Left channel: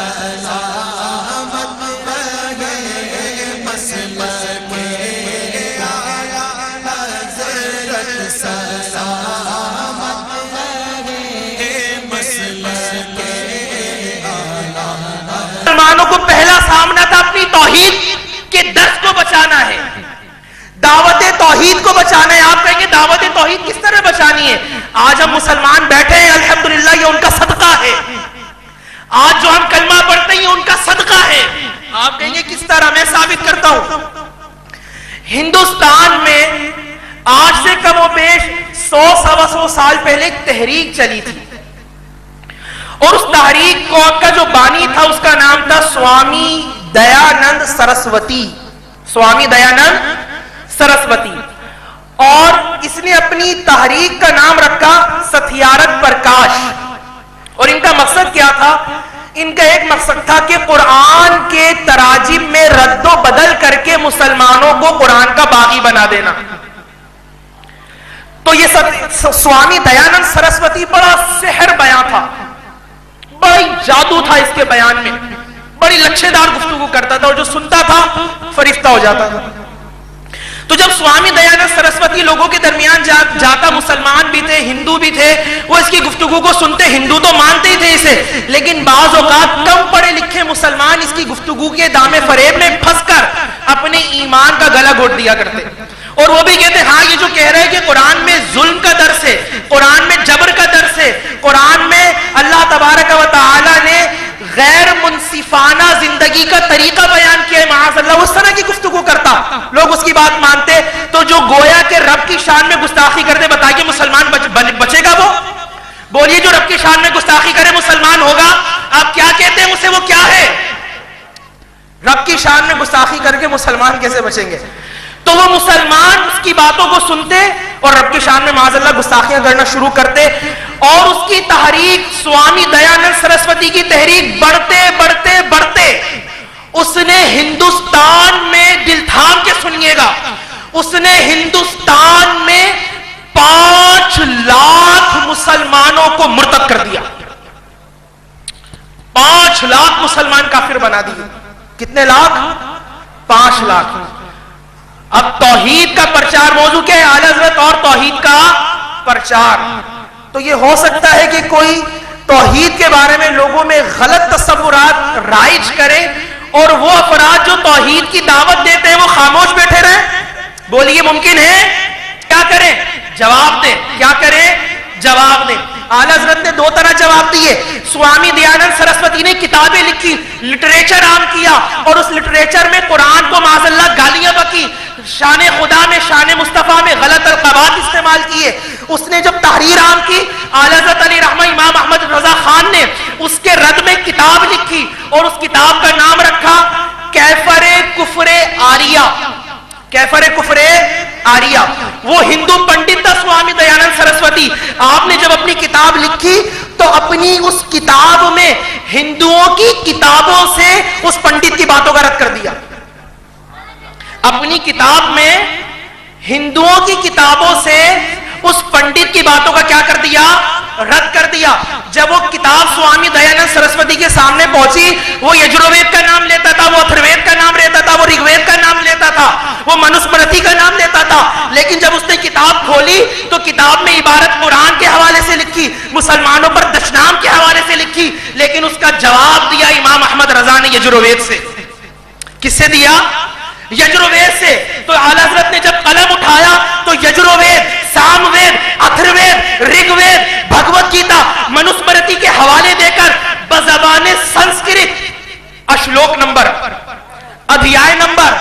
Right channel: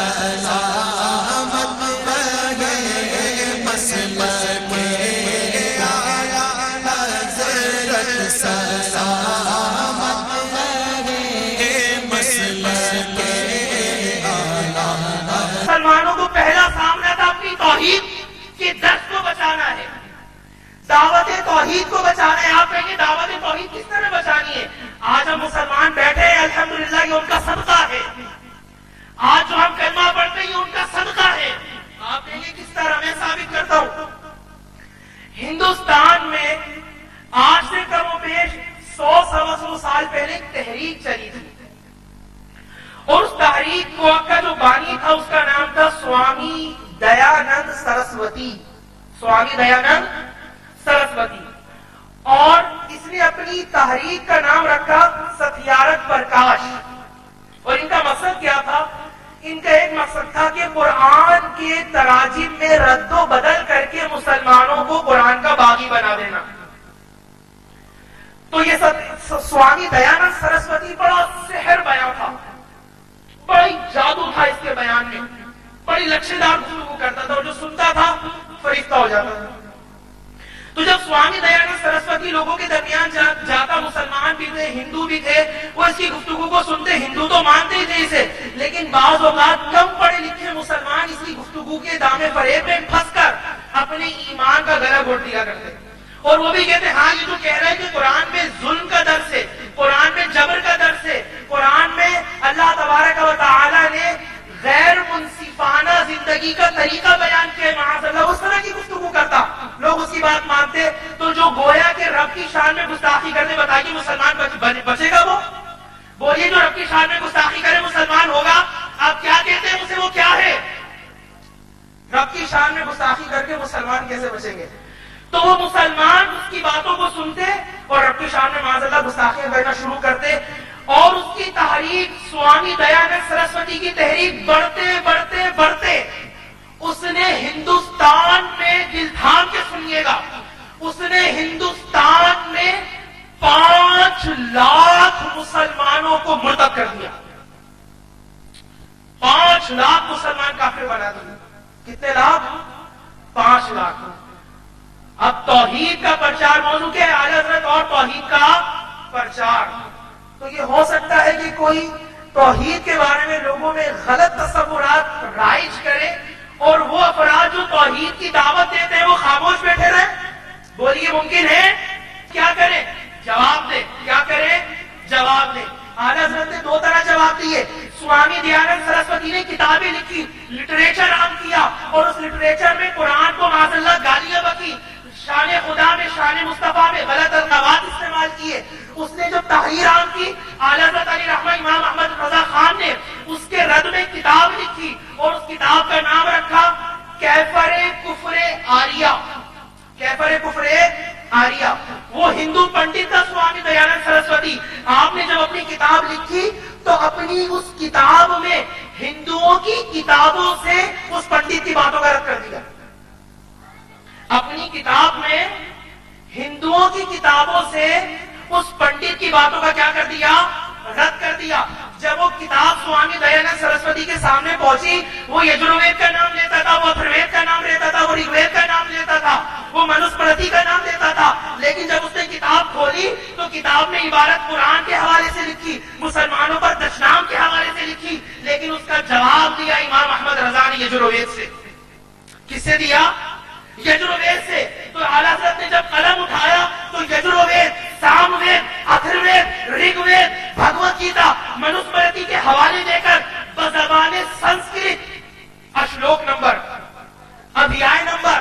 سلامت رہے مسلک آیا حضرت سلامت رہے مسلک آیا. مسلمانوں کو پہلا سامنا تھا اپنی توحید کے درس کو بچانا ہے، دعوت توحید کو بچانا ہے. آپ کہیں گے دعوت توحید کس طرح بچانی ہے؟ آج ہم مسلمان بیٹھے ہیں الحمدللہ، یہ ان کا صدقہ ہے. آج جو ہم کلمہ پڑھتے ہیں یہ ان کا صدقہ ہے. آپ کہیں گے کس طرح؟ میں ثابت کرتا ہوں. ہندوستان میں آج سے کم و بیش 100-125 سال پہلے ایک تحریک چلی تھی، اور اس تحریک کا جو بانی تھا اس کا نام تھا سوامی دیانند سرسوتی. سوامی دیانند سرسوتی. اور اس نے اپنی تحریک کا نام رکھا ستیارتھ پرکاش. اور ان کا مقصد کیا تھا؟ ان کا ایک مقصد تھا کہ قرآن کے تراجم میں رد و بدل کر کے مسلمانوں کو قرآن کا باغی بنا دینا. تو یہ سوامی دیانند سرسوتی بڑا سحر بیان تھا، بڑی جادو تھا اس کے بیان میں، بڑی لچھے دار گفتگو کرتا تھا، اور جو سنتا تھا فرشتہ ہو جاتا تھا. تو جب سوامی دیانند سرسوتی لوگوں کے درمیان جاتا، مسلمان بھی تھے، ہندو بھی تھے، وہ اس کی گفتگو کو سنتے. ہندو تو مانتے ہی تھے اسے، لیکن بعض اوقات کم پڑھے لکھے مسلمان اس کی گفتگو کے دام فریب میں پھنس کر اپنے ایمان کا گلا گھونٹ دیا کرتے. اور وہ بھی کہتے ہاں یہ جو کہہ رہے ہیں کہ قرآن میں ظلم کا درس ہے، قرآن میں جبر کا درس ہے، قرآن میں اللہ تبارک و تعالی نے غیر منصفانہ زندگی کا طریقہ بیان کیا ہے، معاذ اللہ اس طرح کی گفتگو کرتا، لوگ اس کی بات مانتے. تو جو گویا کہ رب کی شان میں گستاخی کرتے، بتائیے مسلمان بچے گا؟ وہ بولیے جو رب کی شان میں گستاخی کرے مسلمان ہوگا؟ آپ کیا کہتے ہیں اسے؟ وہ کیا ہے؟ رب کی شان میں گستاخی کر کے مسلمان کیسے بچیں گے؟ تو وہ مسلمان اس کی باتوں کو سنتے اور رب کی شان میں معاذ اللہ گستاخیاں کرنا شروع کرتے. اور اس کی تحریک، سوامی دیانند سرسوتی کی تحریک بڑھتے بڑھتے بڑھتے اس نے ہندوستان میں، دل تھام کے سنیے گا، اس نے ہندوستان میں 5 لاکھ مسلمانوں کو مرتد کر دیا. 5 لاکھ مسلمان کافر بنا دیے. کتنے لاکھ؟ 5 لاکھ. اب توحید کا پرچار موضوع کیا ہے؟ اعلی حضرت اور توحید کا پرچار. تو یہ ہو سکتا ہے کہ کوئی توحید کے بارے میں لوگوں میں غلط تصورات رائج کرے، اور وہ افراد جو توحید کی دعوت دیتے ہیں وہ خاموش بیٹھے رہیں. بولیے ممکن ہے؟ کیا کریں؟ جواب دیں. کیا کریں؟ جواب دیں. اعلی حضرت نے 2 طرح جواب دیے. سوامی دیانند سرسوتی نے کتابیں لکھی، لٹریچر عام کیا، اور اس لٹریچر میں قرآن کو معاذ اللہ گالیاں بکی، شان خدا میں، شان مصطفیٰ میں غلط القابات استعمال کیے. اس نے جب تحریر عام کی، اعلی حضرت علی رحمہ امام احمد رضا خان نے اس کے رد میں کتاب لکھی، اور اس کتاب کا نام رکھا کیفر کفر آریہ. کیفر کفر آریہ. وہ ہندو پنڈت تھا سوامی دیانند سرسوتی. آپ نے جب اپنی کتاب لکھی تو اپنی اس کتاب میں ہندوؤں کی کتابوں سے اس پنڈت کی باتوں کا رد کر دیا. اپنی کتاب میں ہندوؤں کی کتابوں سے اس پنڈت کی باتوں کا کیا کر دیا؟ رد کر دیا. جب وہ کتاب سوامی دیانند سرسوتی کے سامنے پہنچی، وہ یجروید کا نام لیتا تھا، وہ اتھروید کا نام لیتا تھا، وہ رگوید کا نام لیتا تھا، وہ منوسمرتی کا نام لیتا تھا. لیکن جب اس نے کتاب کھولی تو کتاب میں عبارت قرآن کے حوالے سے لکھی، مسلمانوں پر دشنام کے حوالے سے لکھی، لیکن اس کا جواب دیا امام احمد رضا نے یجروید سے. کس سے دیا؟ یجروید سے. تو اعلی حضرت نے جب قلم اٹھایا تو یجروید، ساموید، اتھروید، رگوید، بھگوت گیتا، منوسمرتی کے حوالے دے کر بزبان سنسکرت اشلوک نمبر، ادھیائے نمبر،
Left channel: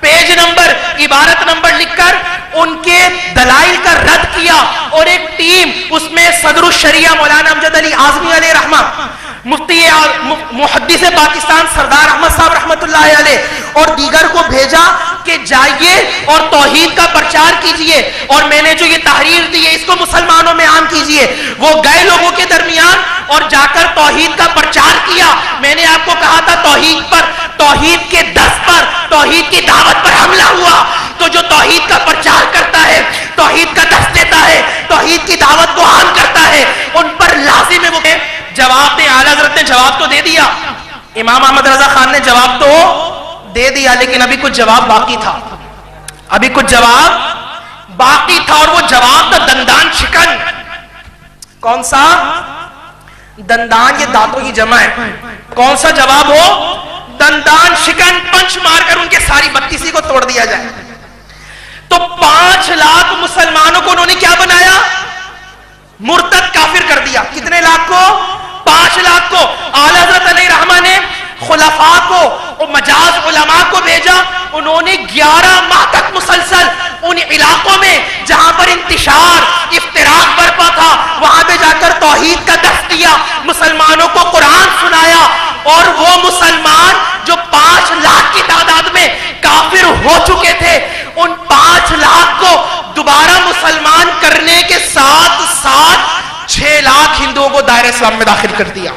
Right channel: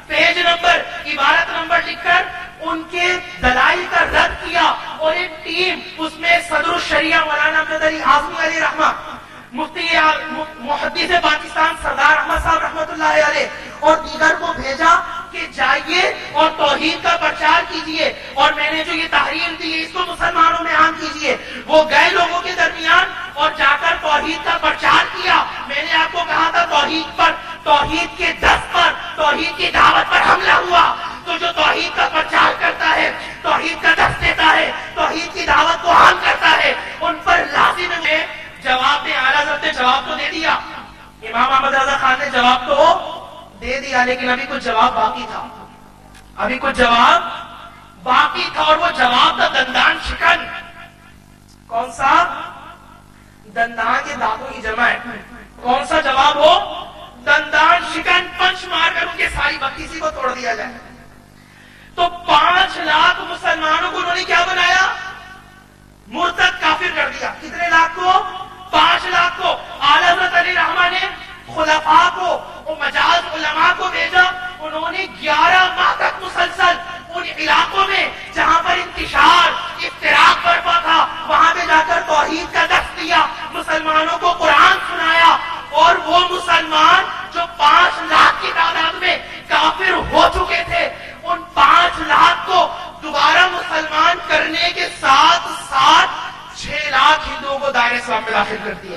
پیج نمبر، عبارت نمبر لکھ کر ان کے دلائل کا رد کیا. اور ایک ٹیم، اس میں صدر الشریعہ مولانا امجد علی اعظمی علیہ رحمہ، مفتی محدث پاکستان سردار احمد صاحب رحمت اللہ علیہ، اور دیگر کو بھیجا کہ جائیے اور توحید کا پرچار کیجئے، اور میں نے جو یہ تحریر دی ہے اس کو مسلمانوں میں عام کیجئے. وہ گئے لوگوں کے درمیان اور جا کر توحید کا پرچار کیا. میں نے آپ کو کہا تھا توحید پر، توحید کے دس پر، توحید کی دعوت پر حملہ ہوا. تو جو توحید کا پرچار کرتا ہے، توحید کا دس دیتا ہے، توحید کی دعوت کو عام کرتا ہے، ان پر لازم ہے وہ جواب دیں. اعلی حضرت نے جواب تو دے دیا. امام احمد رضا خان نے جواب تو دے دیا، لیکن ابھی کچھ جواب باقی تھا، ابھی کچھ جواب باقی تھا، اور وہ جواب تھا دندان شکن۔ کون سا؟ دندان یہ دانتوں کی جمع ہے، کون سا جواب ہو؟ دندان شکن، پنچ مار کر ان کے ساری 32 کو توڑ دیا جائے۔ تو 5 لاکھ مسلمانوں کو انہوں نے کیا بنایا؟ مرتد، کافر کر دیا۔ کتنے لاکھ کو؟ 5 لاکھ کو۔ اعلی حضرت علیہ رحمہ نے خلفاء کو اور مجاز علماء کو بھیجا، انہوں نے 11 ماہ تک مسلسل ان علاقوں میں جہاں پر انتشار افتراق برپا تھا وہاں پہ جا کر توحید کا درس دیا، مسلمانوں کو قرآن سنایا، اور وہ مسلمان جو 5 لاکھ کی تعداد میں کافر ہو چکے تھے، ان 5 لاکھ کو دوبارہ مسلمان کرنے کے ساتھ ساتھ 6 لاکھ ہندوؤں کو دائرہ اسلام میں داخل کر دیا۔